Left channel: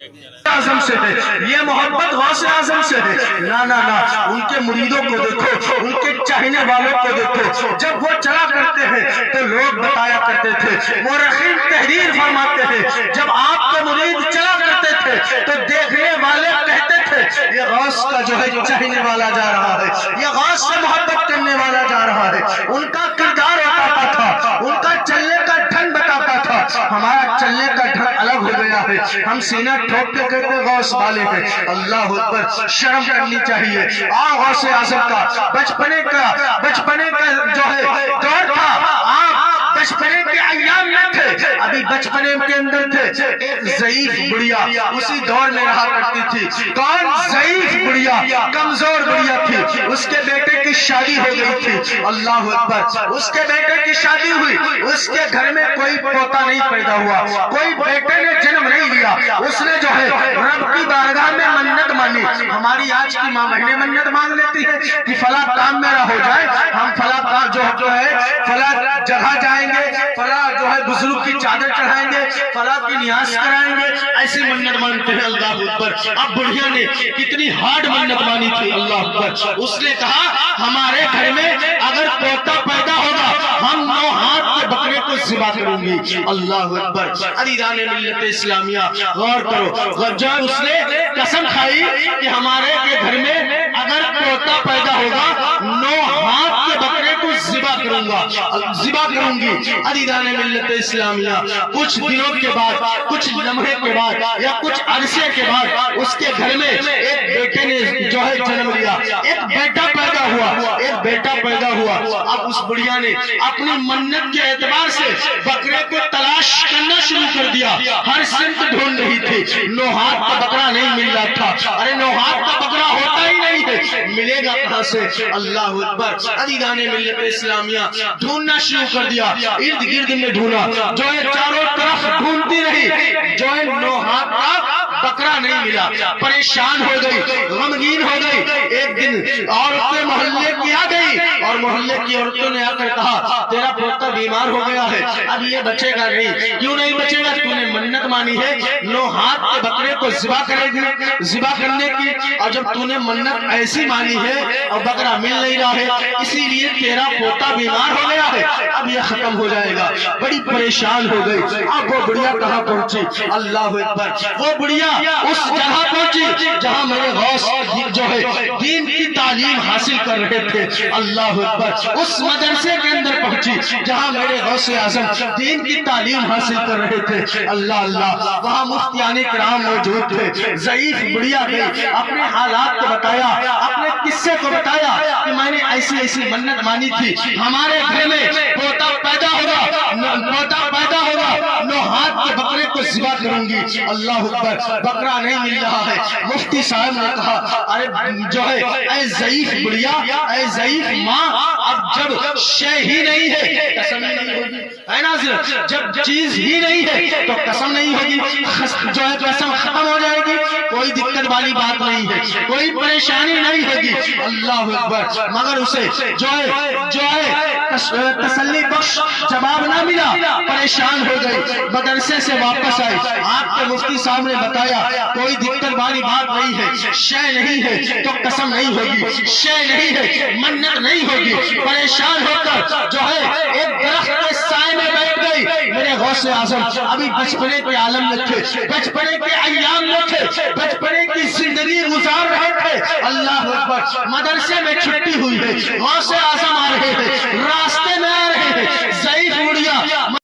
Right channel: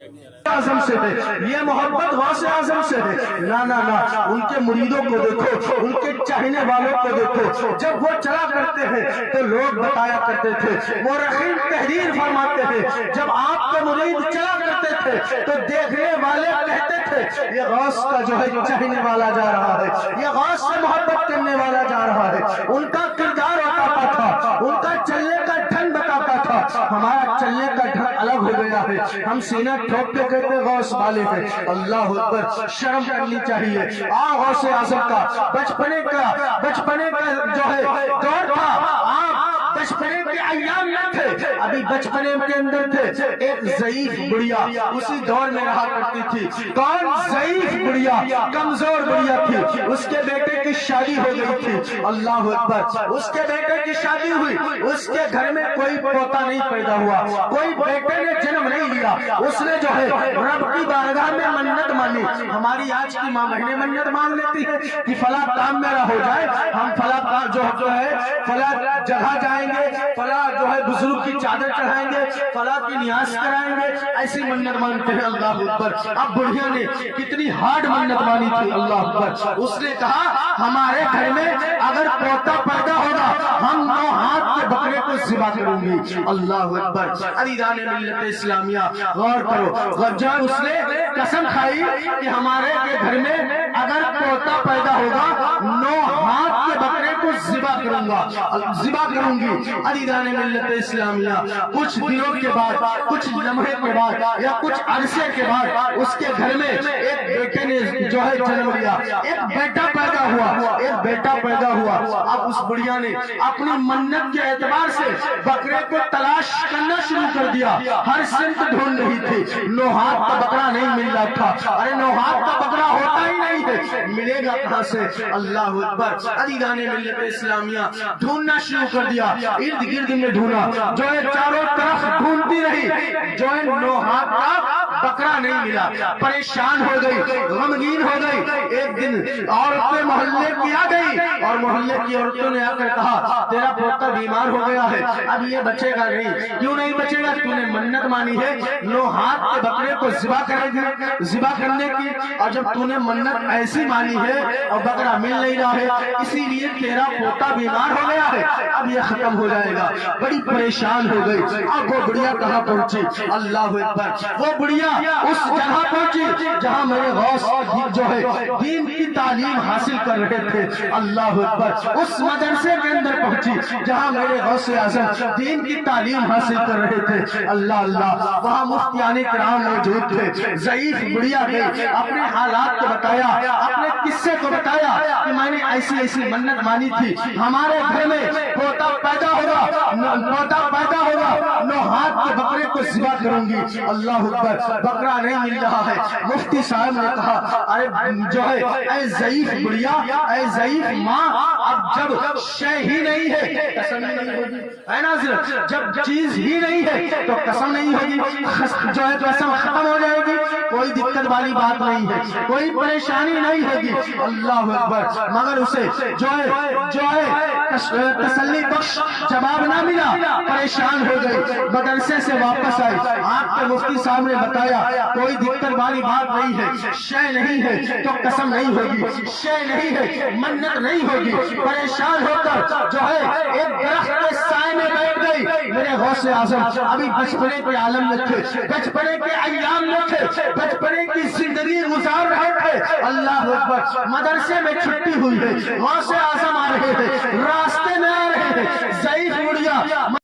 आजम से है, ये मोहब्बत गौसे आजम से है। ना ना ना, उनके मुरीदों को देखो, उनके चाहने वालों को देखो। जब वो चला करते हैं तो लोग बताया करते थे, मुर्रखीन तहरीर फरमाते हैं, जब आपके मुरीद चला करते थे तो देखने वाले कहते थे ये गौस का जो है चाहने वाला जा रहा है, ये गौस से मोहब्बत करने वाला जा रहा है। उनका किरदार बताता था, उनका चलने का ढंग बताता था। हमारा चलने का ढंग अलग हो गया है, हम सीना ठोक के कहते गौस वाले हैं। अल्लाह अकबर, शर्म करनी चाहिए। गौसे आजम का बचपने का जो है दौर था, आप बचपने के अय्याम में थे, अभी बचपने के अंदर थे। एक ज़ईफ बुढ़िया उसी दौर में रहा करती थी। कौन? ज़ईफ बुढ़िया, कमजोर बुढ़िया थी। उसके बेटे की शादी हो गई थी। अल्लाह अकबर, उसके बेटे की शादी हुई, उसके घर में कोई पोता नहीं पैदा हुआ, कोई बेटे ने जन्म नहीं लिया। उसने जो है रब की बारगाह में मन्नत मानी। हमारी आज की माँ बहनें मन्नत मांग लेती है कि फला काम मेरा हो जाए, हम फला काम जो है फला जगह जाएंगे, फला जो है बुजुर्ग की चादर चढ़ाएंगे, फला की नियाज कराएंगे, ऐसी मन्नत मानते हैं। अल्लाह अकबर, अब बुढ़िया ने कितनी हार्ड मन्नत मानी थी। अल्लाह अकबर, उसने कहा हमारे घर में अगर पोता पैदा होगा हम 9 हाथ के बकरे को ज़िबा करूंगी। अल्लाह अकबर, अदीदान मिल्लत इस्लामिया गौर करो, जब उसने कसम खाई कि हमारे के घर में अगर पोता पैदा होगा 9 हाथ के बकरे को ज़िबा करूंगी। अदीदान मिल्लत इस्लामिया, कुछ दिनों के बाद, कुछ लम्हे के बाद या कुछ अरसे के बाद उसके घर में एक बेटे ने जो है जन्म लिया, एक बेटा पैदा हुआ। अब उस बुढ़िया ने अपनी मन्नत के एतबार से बकरे को तलाश करना शुरू कर दिया। हर सिमत ढूंढ रही थी, 9 हाथ का बकरा नहीं मिल रहा था। अरे 9 हाथ का बकरा होता ही नहीं है, मिलेगा कहां से? अल्लाह अकबर, अदीदान मिल्लत इस्लामिया ढूंढना शुरू कर दिया। इर्द गिर्द में ढूंढा, जो है चारों तरफ ढूंढती रही, जो है 9 हाथ का बकरा नहीं मिला। परेशान हो गई, गमगीन हो गई। एक दिन औरतें मोहल्ले की आ गई और मोहल्ले की औरतों ने आकर कहा तेरा पोता बीमार हो गया है, अब ये बचेगा नहीं। क्यों नहीं बचेगा? तूने मन्नत मानी है 9 हाथ के बकरे को ज़िबा करने की, और जब तूने मन्नत ऐसी मानी है और बकरा मिल नहीं रहा है, इसीलिए तेरा पोता बीमार हो गया है, अब ये खत्म हो जाएगा। बड़ी परेशान हो गई। अब वो बुढ़िया कहाँ पहुंची? अल्लाह अकबर, वो बुढ़िया उस जगह पहुंची जहां मेरे गौस जो है दीन की तालीम हासिल कर रहे थे। अल्लाह अकबर, उस मदरसे के अंदर पहुंची जहां मेरे गौसे आजम दीन की तालीम हासिल कर रहे थे। अल्लाह अल्लाह, वहां मुफ्तियाने किराम मौजूद थे। ज़ईफ बुढ़िया गई, अपने हालात को बताया, अपने किस्से को बताया कि मैंने ऐसी मन्नत मानी थी, हमारे घर में पोता पैदा होगा 9 हाथ के बकरे को ज़िबा करूंगी। अल्लाह अकबर, बकरा नहीं मिल रहा है। मुफ्ती साहब ने कहा अरे जो है ऐ ज़ईफ बुढ़िया, ऐ ज़ईफ माँ, अब जब शय ही नहीं है कसम ही नहीं होगी, है ना? जब चीज ही नहीं है तो कसम नहीं होगी, जो है कसम खत्म हो जाएगी। कोई दिक्कत वाली बात नहीं है, कोई परेशानी नहीं होगी। अल्लाह अकबर, मगर उसे जो है तसल्ली बख्श जवाब ना मिला, परेशान हो गई, मदरसे से वापस आई। आपके मुफ्ती साहब ने बताया कोई दिक्कत वाली बात नहीं है, शय नहीं है तो कसम नहीं होगी, शय नहीं है मन्नत नहीं होगी। परेशान होकर जो है एक दरख्त के साए में बैठ गई। मेरे गौसे आजम अभी बचपने के आलम में थे, बचपने के अय्याम में थे, बचपने की जिंदगी गुजार रहे थे। अल्लाह अकबर, मदरसे में छुट्टी हुई है, गौसे आजम आ रहे हैं, रास्ते